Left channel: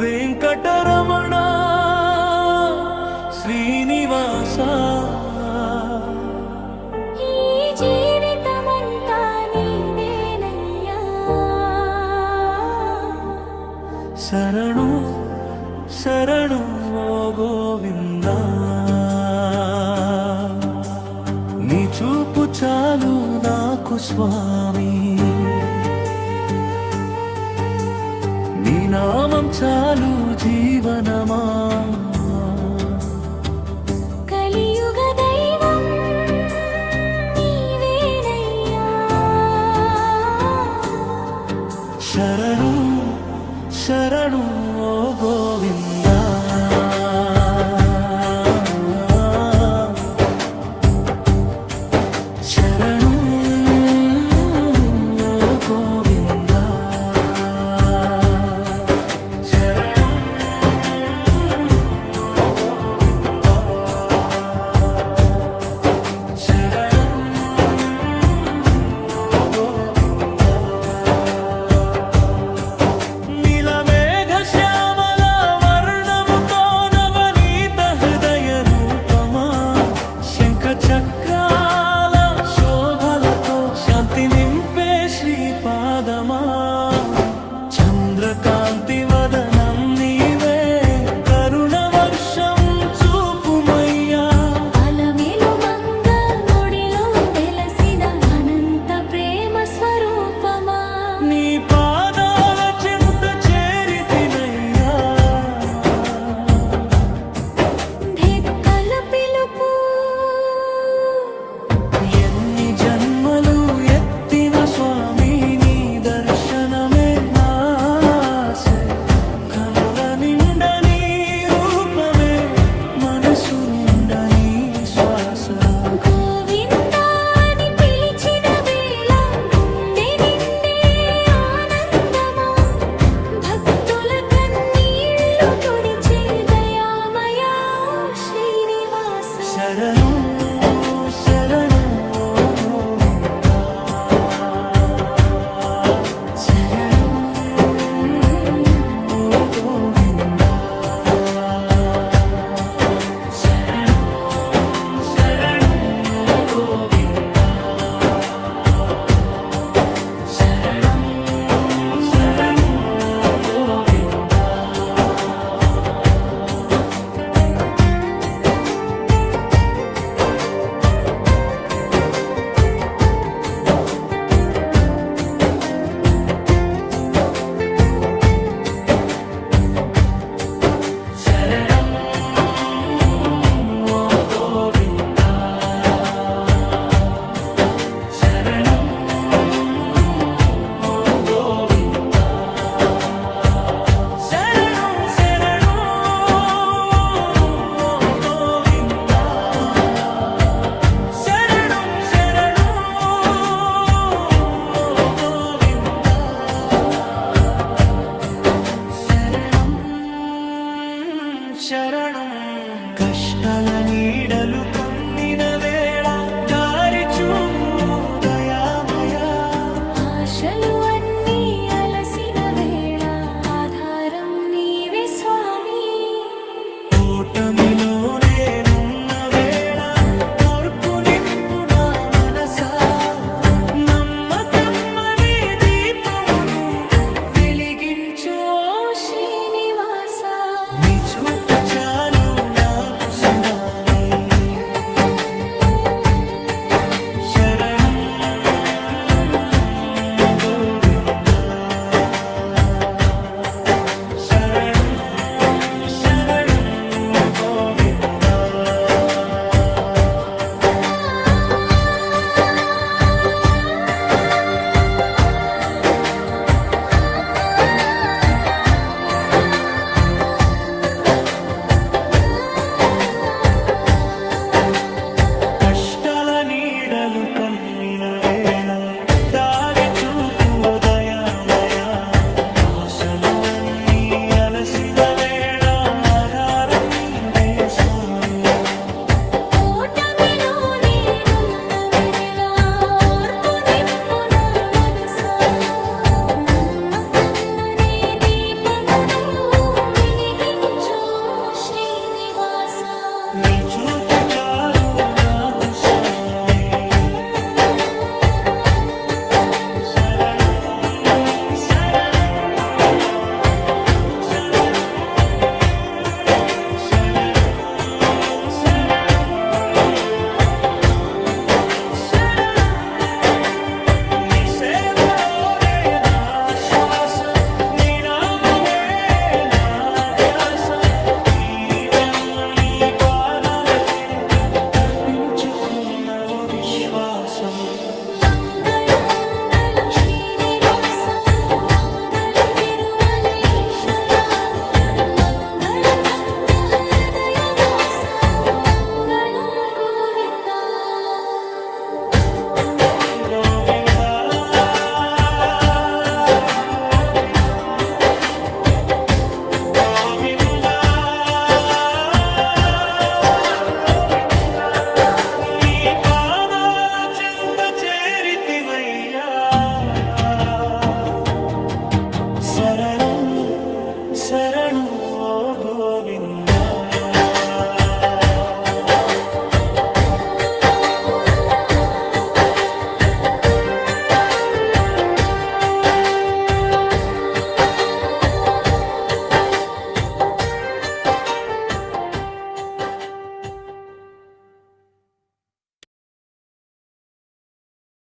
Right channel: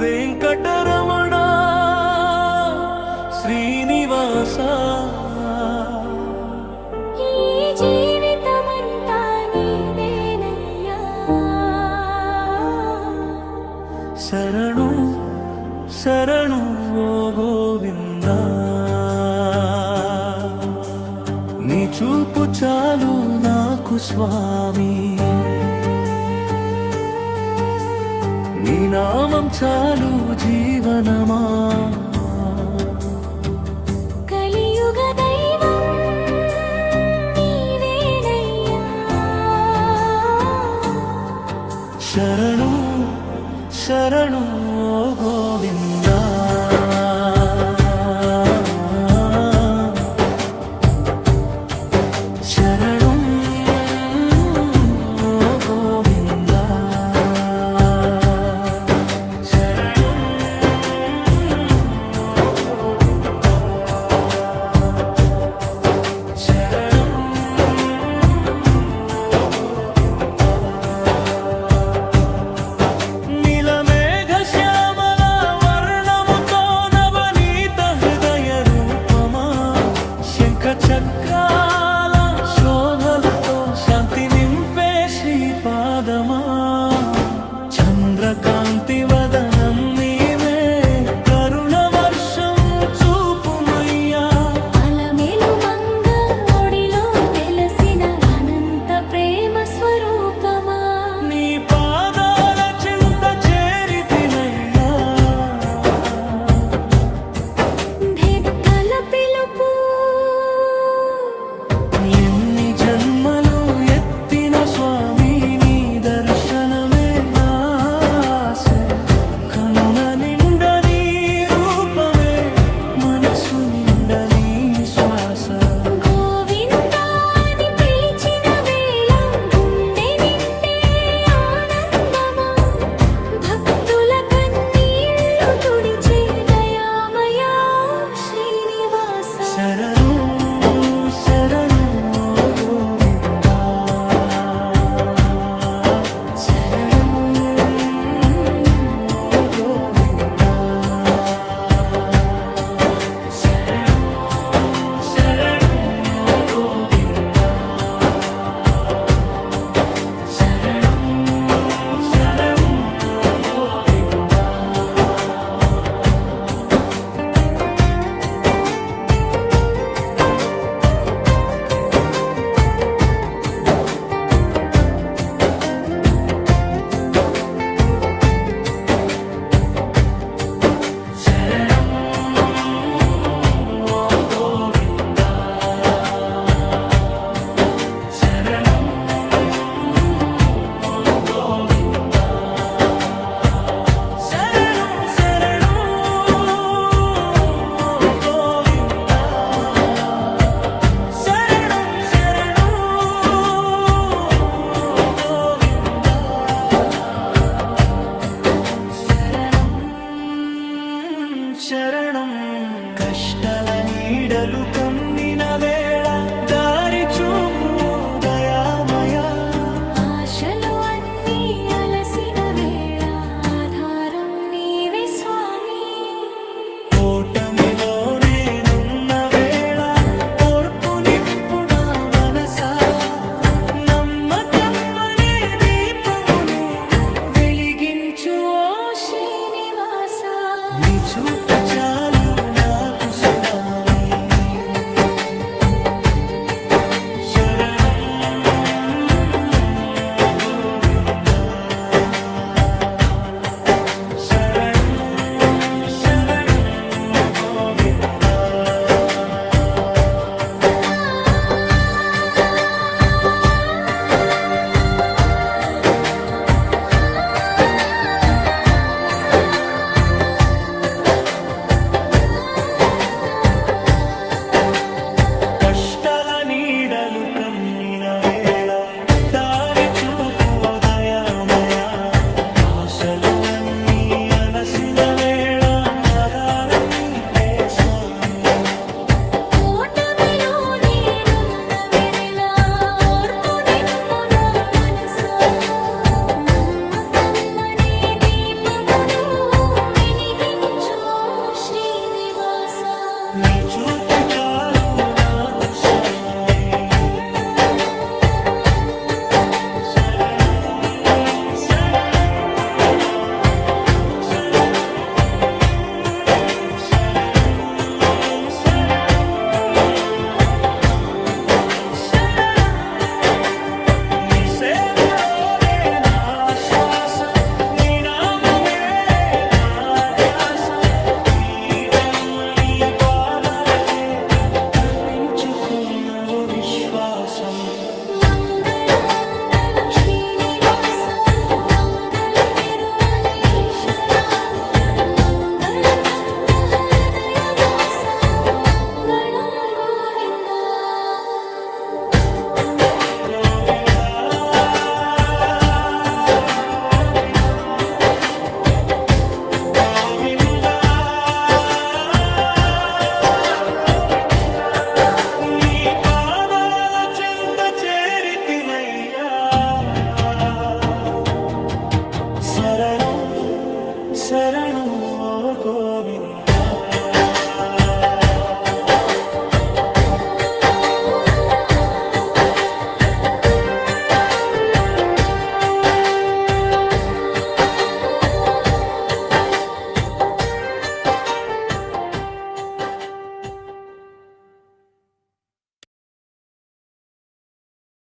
వెంకటరమణ శ్రీనివాస ఈ జీవితమంతా నీదేనయ్యా శరణు శరణు ఓ గోవిందా నీ చూపు చాలు నాకు స్వామి నీ నామం చాలు జీవనమా కలియుగ దైవం నీవేనయ్యా శరణు శరణు ఓ గోవిందా శరణు ఓ గోవిందా చక్రాల శోభలతో శాంతి నింపే శ్రీపాదమా చంద్రకాంతి వదనం నీవే కరుణ వర్షం చూపుమయ్యా అలమేలు మంగ ఒడిలో వెలసిన అనంత ప్రేమ స్వరూపమా నీ పాదాల చింత చేరితినయ్యా ధెక్కల పిలుపు జన్మలు ఎత్తిన స్వామి నీ దర్శనమే నాసే కనుల నిండ నీ రూపమే మనసు నిండ నీ శ్వాస గోవిందా అని పిలిచిన వేళ గుండె నిండే ఆనందమా భక్తుల కన్నీళ్లు తుడిచే దయామయా శ్రీనివాస శరణు శరణు శరణం కష్టాల నీడలు కమ్మిన వేళ దారి చూపు దయామయా ఆశలు అన్నీ అలసిన వేళ ఆధారం నీవే స్వామి ఓటమిలో నేనున్న వేళ ఓర్పు నింపు నా మనసా నమ్మకం అనే దీపమును వెలిగించు ఓ శ్రీనివాస నీ చూపు చాలు నాకు స్వామి శరణు గోవిందా శరణు శరణు గోవిందా వెన్నెలలు కమ్మిన వేళ దారి చూపు దయామయ ఆశలు అన్నీ అలసిన వేళ ఆధారం నీవే స్వామి ఓటమిలో నేనున్న వేళ ఓర్పు నింపు నా మనసా నమ్మకమనే దీపమును వెలిగించు శ్రీనివాస నీ చూపు చాలు నాకు స్వామి శరణం శరణం శరణం శరణం శరణం శరణం నీ సేవలోనే నా శ్వాస నీ నామమే నా ధ్యాస ఈ జన్మ నీ పాదాలకే అర్పించుకున్నవో విశ్వాసం మంగళం మంగళం శ్రీనివాస మంగళం తిరుమలేశ్వర మంగళం భక్త హృదయ వాస మంగళం గోవింద గోవింద గోవింద గోవింద నీ పాదాల చెంత చేరితినయ్యా శరణు శరణు ఓ గోవింద